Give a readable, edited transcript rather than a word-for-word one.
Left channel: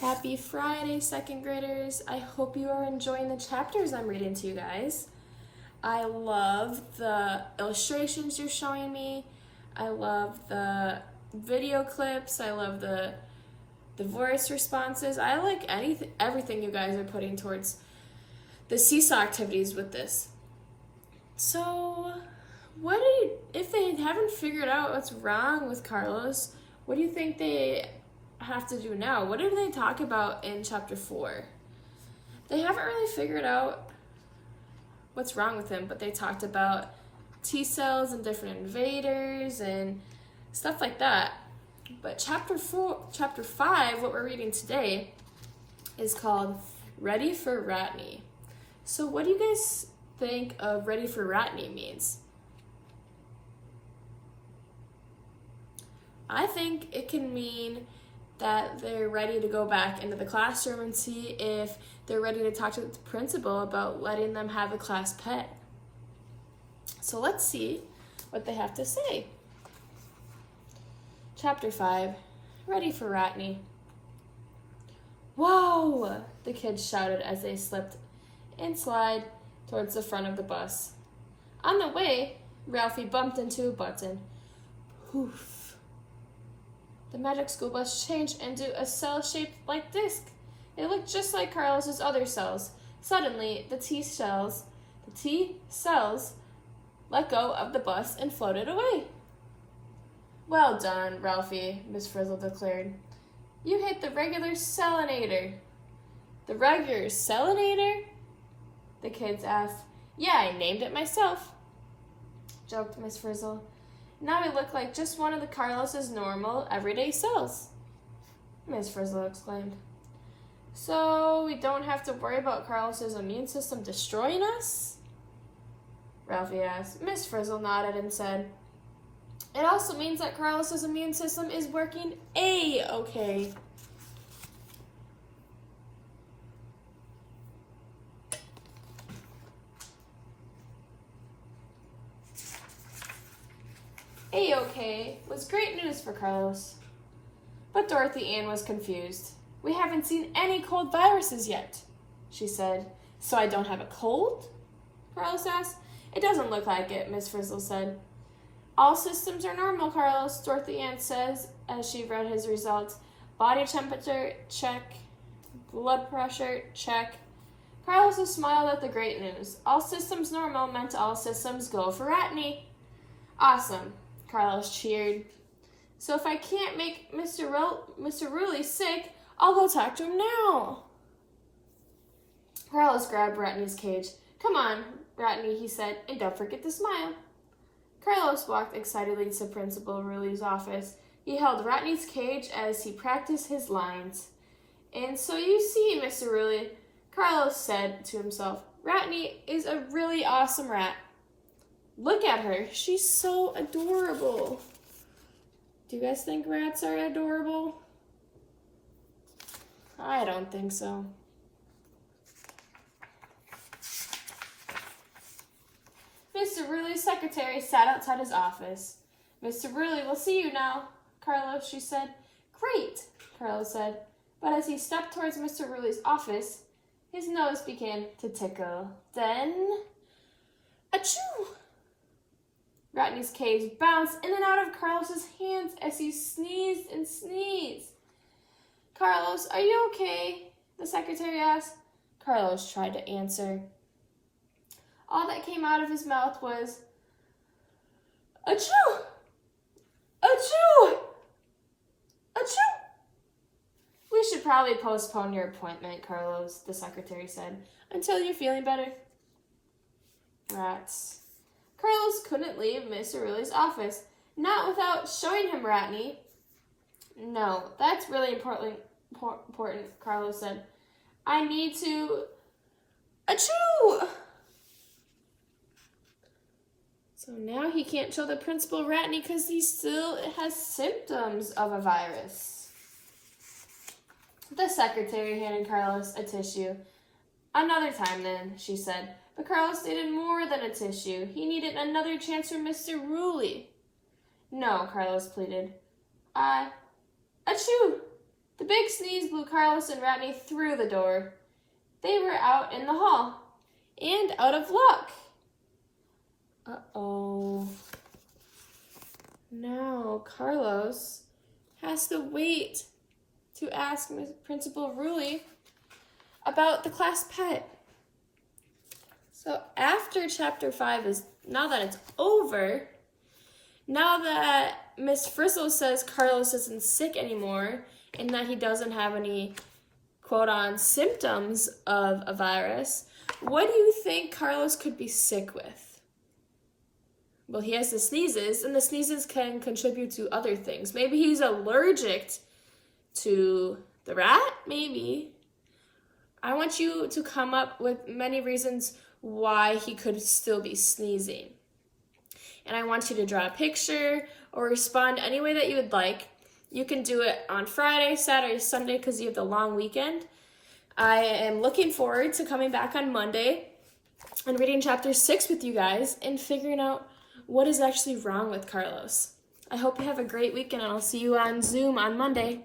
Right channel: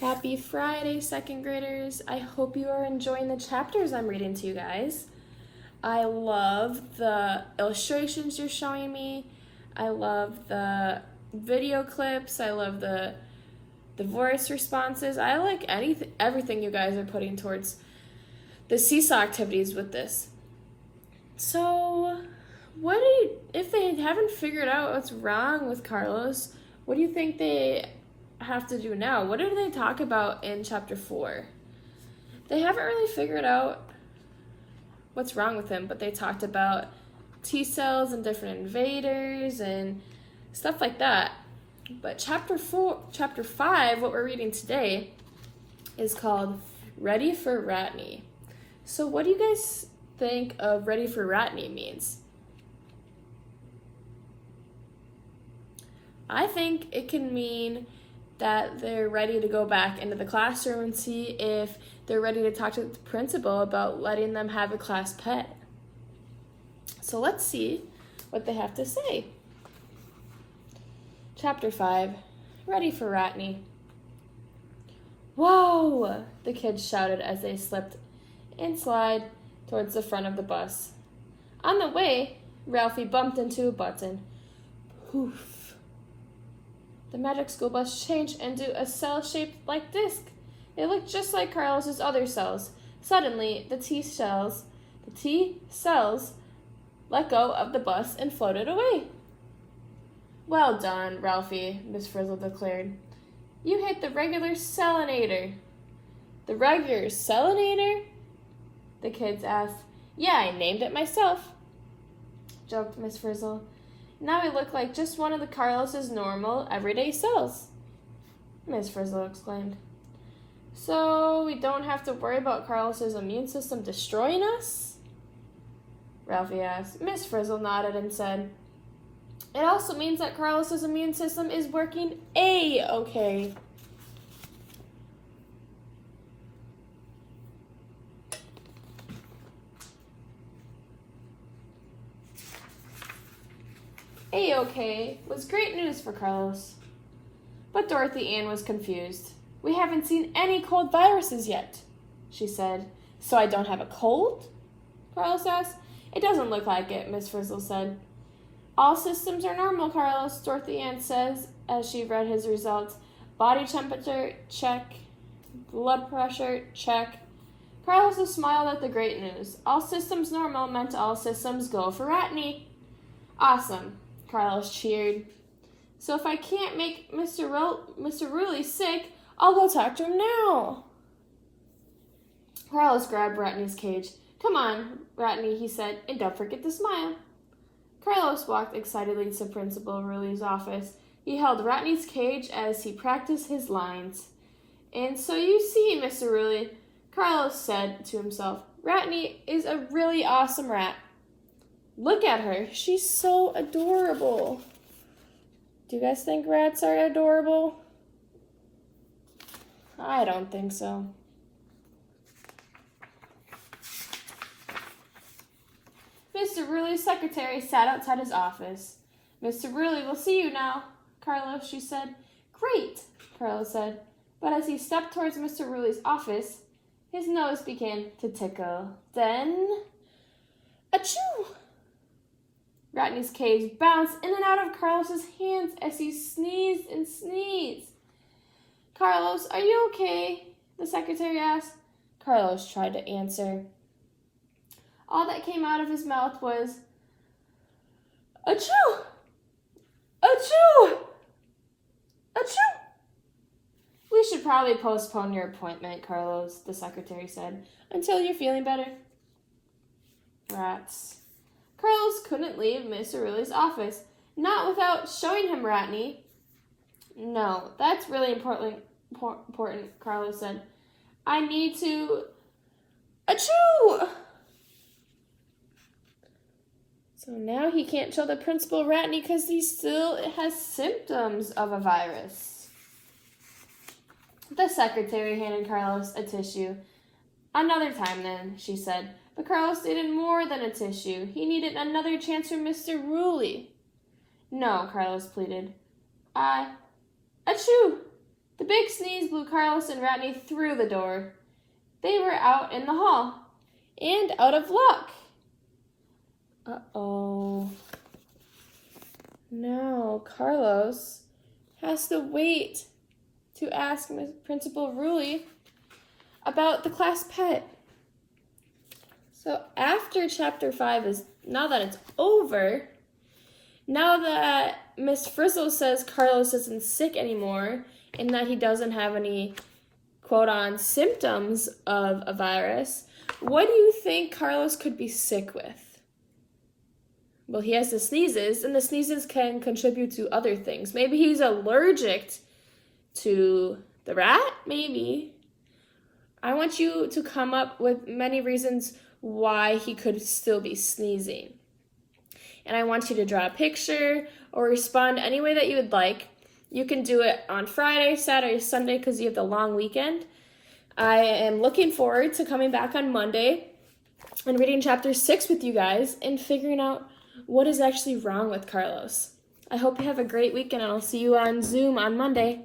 Happy Friday, second graders. I hope you are enjoying the chapters I'm reading to you guys. I love the illustrations you're showing me. I love the video clips. I love the voice responses. I like everything you guys are putting towards the seesaw activities with this. So, if they haven't figured out what's wrong with Carlos, what do you think they have to do now? What did they talk about in chapter 4? They haven't really figured out what's wrong with him, but they talked about T cells and different invaders and stuff like that. But chapter 5, what we're reading today, is called Ready for Ratney. So what do you guys think of Ready for Ratney means? I think it can mean that they're ready to go back into the classroom and see if they're ready to talk to the principal about letting them have a class pet. So let's see what they have to say. Chapter 5, Ready for Ratney. Whoa! The kids shouted as they slipped and slid towards the front of the bus. On the way, Ralphie bumped into a button. Poof! The magic school bus changed into a cell-shaped like disc. It looked just like Carlos's other cells. Suddenly, the T cells let go of the bus and floated away. Well done, Ralphie, Miss Frizzle declared. You hit the regular cellinator. The regular cellinator? The kids asked. Yeah, I named it myself, joked Miss Frizzle. Now we look like just one of the Carlos's normal, everyday cells, Miss Frizzle exclaimed. So we don't have to worry about Carlos's immune system destroying us? Ralphie asked. Miss Frizzle nodded and said, It also means that Carlos's immune system is working A-okay. A-okay was great news for Carlos. But Dorothy Ann was confused. We haven't seen any cold viruses yet, she said. So I don't have a cold? Carlos asked. It doesn't look like it, Miss Frizzle said. All systems are normal, Carlos, Dorothy Ann says as she read his results. Body temperature, check. Blood pressure, check. Carlos smiled at the great news. All systems normal meant all systems go for Ratney. Awesome, Carlos cheered. So if I can't make Mr. Ruley sick, I'll go talk to him now. Carlos grabbed Ratney's cage. Come on, Ratney, he said, and don't forget to smile. Carlos walked excitedly to Principal Ruley's office. He held Ratney's cage as he practiced his lines. And so you see, Mr. Ruley, Carlos said to himself, Ratney is a really awesome rat. Look at her. She's so adorable. Do you guys think rats are adorable? I don't think so. Mr. Ruley's secretary sat outside his office. Mr. Ruley will see you now, Carlos, she said. Great, Carlos said. But as he stepped towards Mr. Ruley's office, his nose began to tickle. Then, achoo! Ratney's cage bounced in and out of Carlos's hands as he sneezed and sneezed. Carlos, are you okay? The secretary asked. Carlos tried to answer. All that came out of his mouth was, achoo! Achoo! Achoo! We should probably postpone your appointment, Carlos, the secretary said, until you're feeling better. Rats. Carlos couldn't leave Mr. Ruley's office, not without showing him Ratney. No, that's really important, Carlos said. I need to... Achoo! So now he can't show the principal Ratney because he still has symptoms of a virus. The secretary handed Carlos a tissue. Another time then, she said. But Carlos needed more than a tissue. He needed another chance from Mr. Ruley. No, Carlos pleaded. Achoo! The big sneeze blew Carlos and Rodney through the door. They were out in the hall and out of luck. Uh-oh. Now Carlos has to wait to ask Principal Rulli about the class pet. So after chapter 5 is, now that it's over, now that Miss Frizzle says Carlos isn't sick anymore and that he doesn't have any quote-on symptoms of a virus, what do you think Carlos could be sick with? Well, he has the sneezes, and the sneezes can contribute to other things. Maybe he's allergic to the rat, maybe. I want you to come up with many reasons why he could still be sneezing. And I want you to draw a picture or respond any way that you would like. You can do it on Friday, Saturday, Sunday, because you have the long weekend. I am looking forward to coming back on Monday and reading chapter 6 with you guys and figuring out what is actually wrong with Carlos. I hope you have a great weekend, and I'll see you on Zoom on Monday.